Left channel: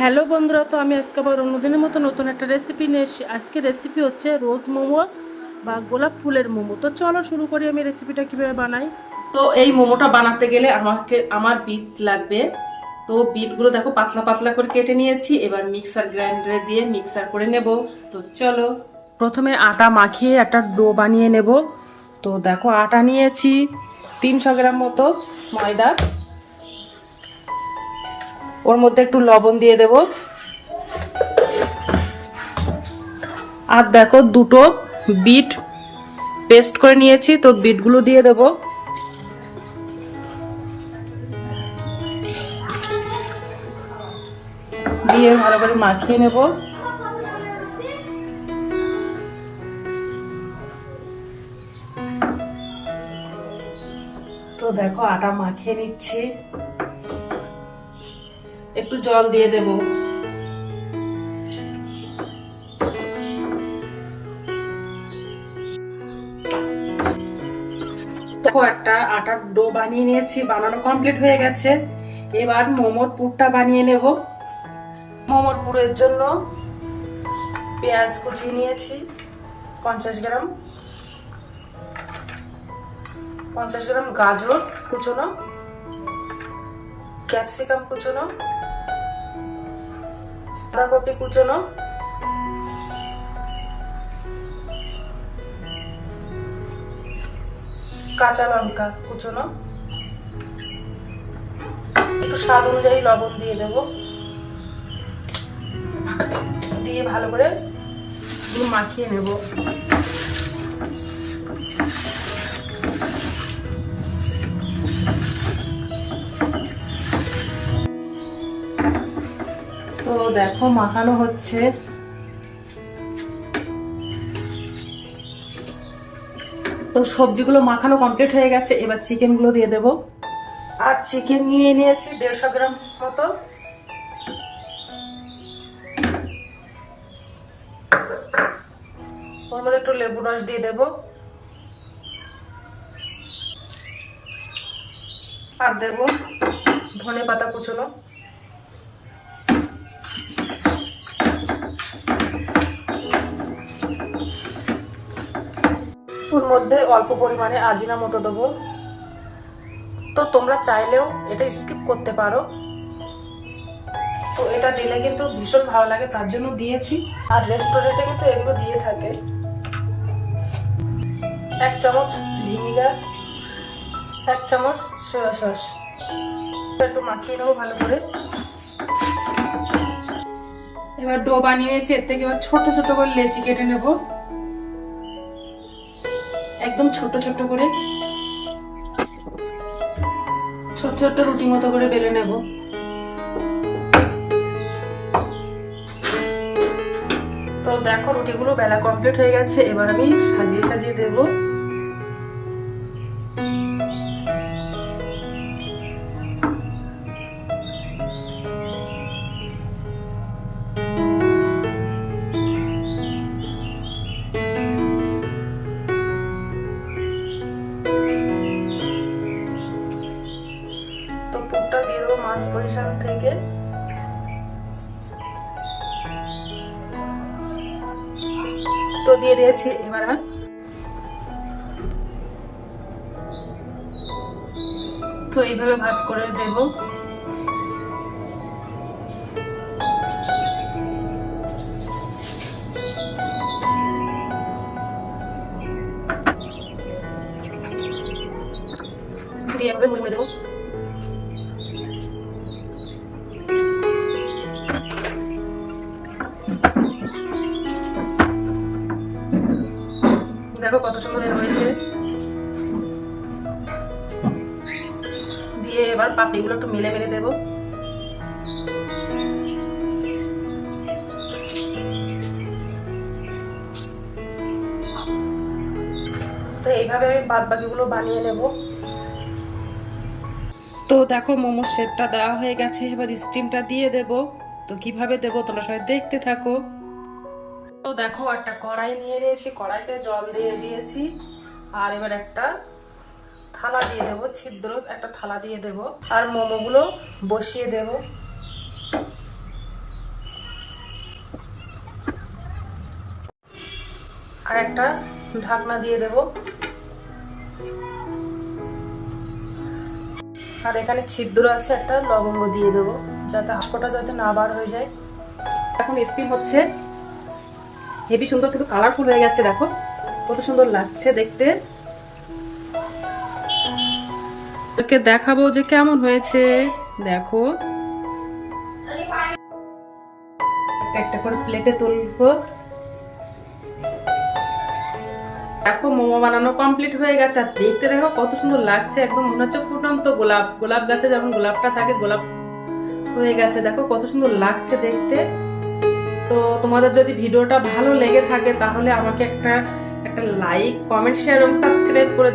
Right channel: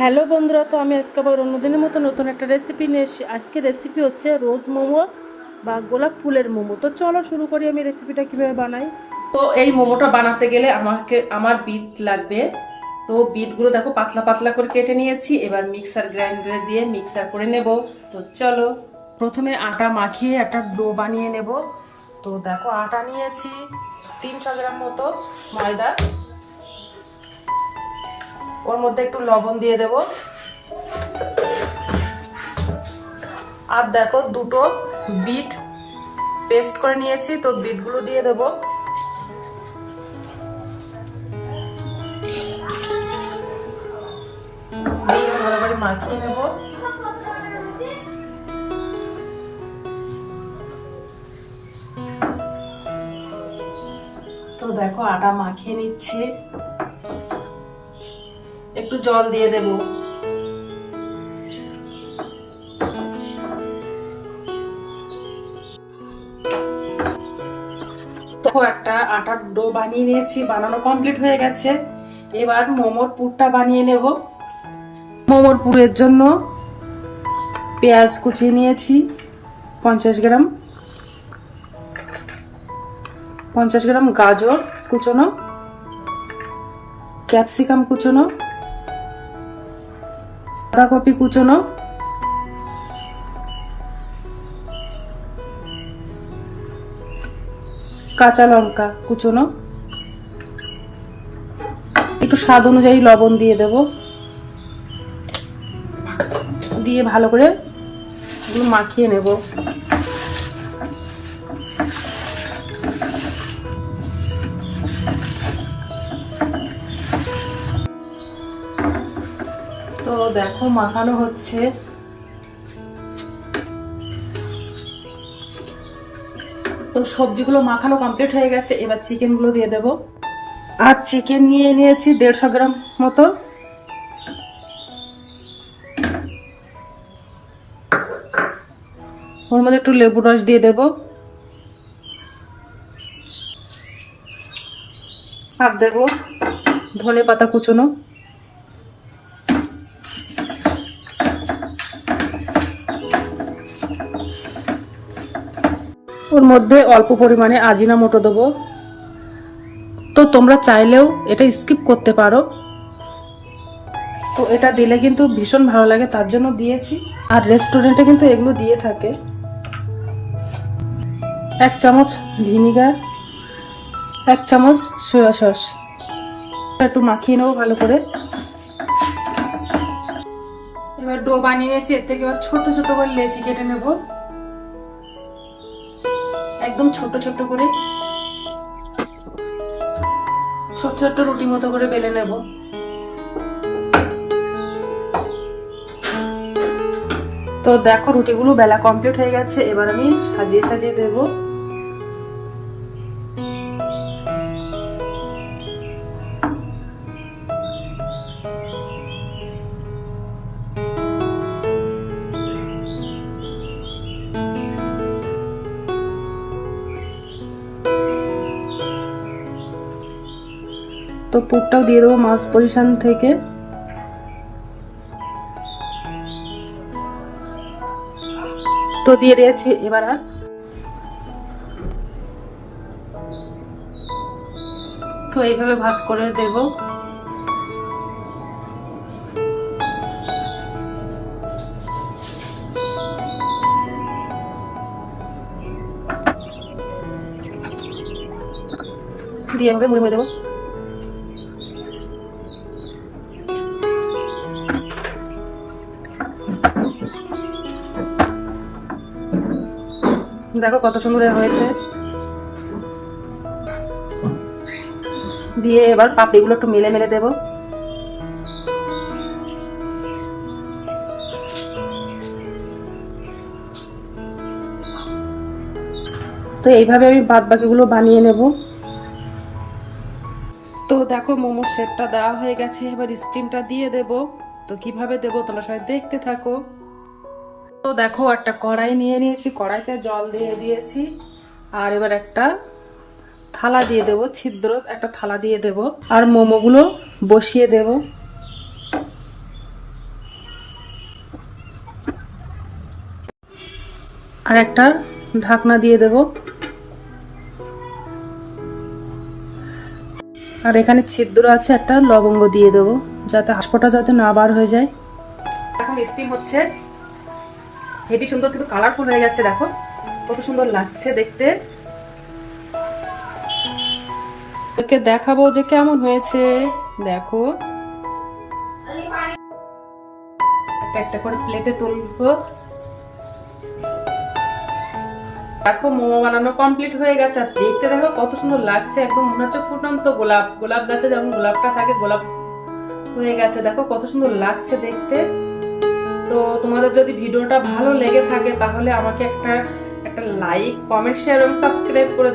Hello বন্ধুরা, তো আমি আজকে আবার অন্যদিনের মতো নতুন একটা রেসিপি নিয়ে এসেছি। আজকে রেসিপি হচ্ছে রোজ মোমো বা গোলাপ ফুলের মোমো। তো চলো শুরু করি আমি রেসিপিটা কিভাবে বানাই। তো এই মোমোটা বানাতে গেলে আমার বিট লাগবে। তো বিটগুলো দেখো পাতলা পাতলা করে কেটে নিয়েছি। এবার মিক্সার গ্রাইন্ডারে দিয়ে মিক্সার করে নেব। তো চলো প্রথমে আটা মাখিয়ে একটা ডো বানিয়ে নেব। তো দেখো আটা নিয়েছি 300 গ্রাম মতো, ময়দা, ওর মধ্যে একটু লবণ দিয়ে দেব। আর দেখো দুটো বিট পেস্ট করে নিয়েছি, তো বিটগুলো দিয়ে দেব। দিয়ে ভালো করে মাখিয়ে নেব। তো দেখো আটা মাখিয়ে নিচ্ছি, একটু জল দিয়ে দেব। দেখো একটা আটার ডো বানিয়ে নিয়েছি, বানানো কমপ্লিট হয়ে গেছে। এবার মোমোর পুরটা বানিয়ে নেব। মোমোর পুরের জন্য পেঁয়াজ কুচিয়ে নিয়েছি 50 গ্রাম, 50 গ্রাম গাজর কুচোনো, ক্যাপসিকাম কুচোনো, বাঁধাকপি কুচোনো, কাঁচা লঙ্কা কুচোনো, একটু স্বাদ অনুযায়ী লবণ দিয়ে দেব। দিয়ে ভালো করে এগুলো মাখিয়ে নেব। তো দেখো মাখানো হচ্ছে। তো সবজিগুলো মাখানো কমপ্লিট হয়ে গেছে। এবার চিকেনগুলো দিয়ে দেব। আর চিকেন নিয়ে নিয়েছি 150 গ্রাম মতো। ওর মধ্যে একটু লেবু রস দিয়ে দেব। আর দেব ধনে পাতা কুচোনো। ওর মধ্যে অল্প পরিমাণে আজিনামোটো দেবো। তো তোমরা চাইলেও এটা স্কিপ করতে পারো। তো এটা দিলে কিন্তু ভীষণ ভালো লাগে, তার জন্য দিয়েছি। আর রেস্টুরেন্টে কিন্তু এগুলো দিয়ে থাকে। 1 চামচ ভিনিগার, 1 চামচ সয়া সস। একটু মাখিয়ে নেবো ভালো করে। এবার ডো বানিয়ে নিয়েছি, এর থেকে এবার ছোট ছোট করে লেচি কেটে নেব, একদম ছোট ছোট করে। ছোট ছোট রুটি মতো করে বেলে নেব। তো দেখো রুটিগুলো বেলা কমপ্লিট হয়ে গেছে। এবার আমি সাজিয়ে সাজিয়ে দেব। তো পুরটাও দিয়ে দেবো মাছ পজিশন থেকে। তো দিয়ে দিয়েছি। এবার তো এইভাবে ভাঁজ করে দেব। দিয়ে এভাবে মুড়ে দেবো। দেখো কত সুন্দর হয়েছে। দিয়ে এবার পাপড়িগুলো একটু মেলে মেলে দেব। তো এইভাবে আমি বাদ বাকিগুলো বানিয়ে নেব। তো দেখো মোমোর শেপটা দেওয়া হয়ে গেছে। এবার স্টিমটা দিয়ে দেব। তো কিভাবে দেব তোমরা সবাই দেখতে থাকো। তো দেখো একটা কড়াই নিয়ে নিয়েছি, কড়াইতে জল দিয়ে দিয়েছি। আর এবার একটা থালা দিয়ে দেব, ছিদ্র একটা থালা দিয়ে দেব। আর মোমোগুলো বসিয়ে দেব। আর একটা ঢাকনা দিয়ে দেব। আর এখানে ছিদ্র আছে, একটা লবঙ্গ দিয়ে দেব যাতে হাঁসপটা যাতে না বার হয়ে যায়। এখন স্টিম হচ্ছে, হেভি সুন্দর কিন্তু কালারফুল হয়ে যাচ্ছে, দেখো কত সুন্দর লাগছে দেখতে। ওকে দেখাবো যে কেমন হয়েছে, দেখো একটা করে প্লেটে তুলবো। দেখো মোমো বানানো কমপ্লিট হয়ে গেছে, আর দেখতে দেখো কত সুন্দর লাগছে, একদম মনে হচ্ছে ফুটন্ত গোলাপ, গোলাপ গাছে যেমন গোলাপটা থাকে গোলাপ হয়ে গেছে, দেখো কত সুন্দর লাগছে দেখতে। তো তোমাদের যদি ভিডিওটা ভালো লেগে থাকে তাহলে আমাকে একটা লাইক, কমেন্ট, শেয়ার এবং সাবস্ক্রাইব করে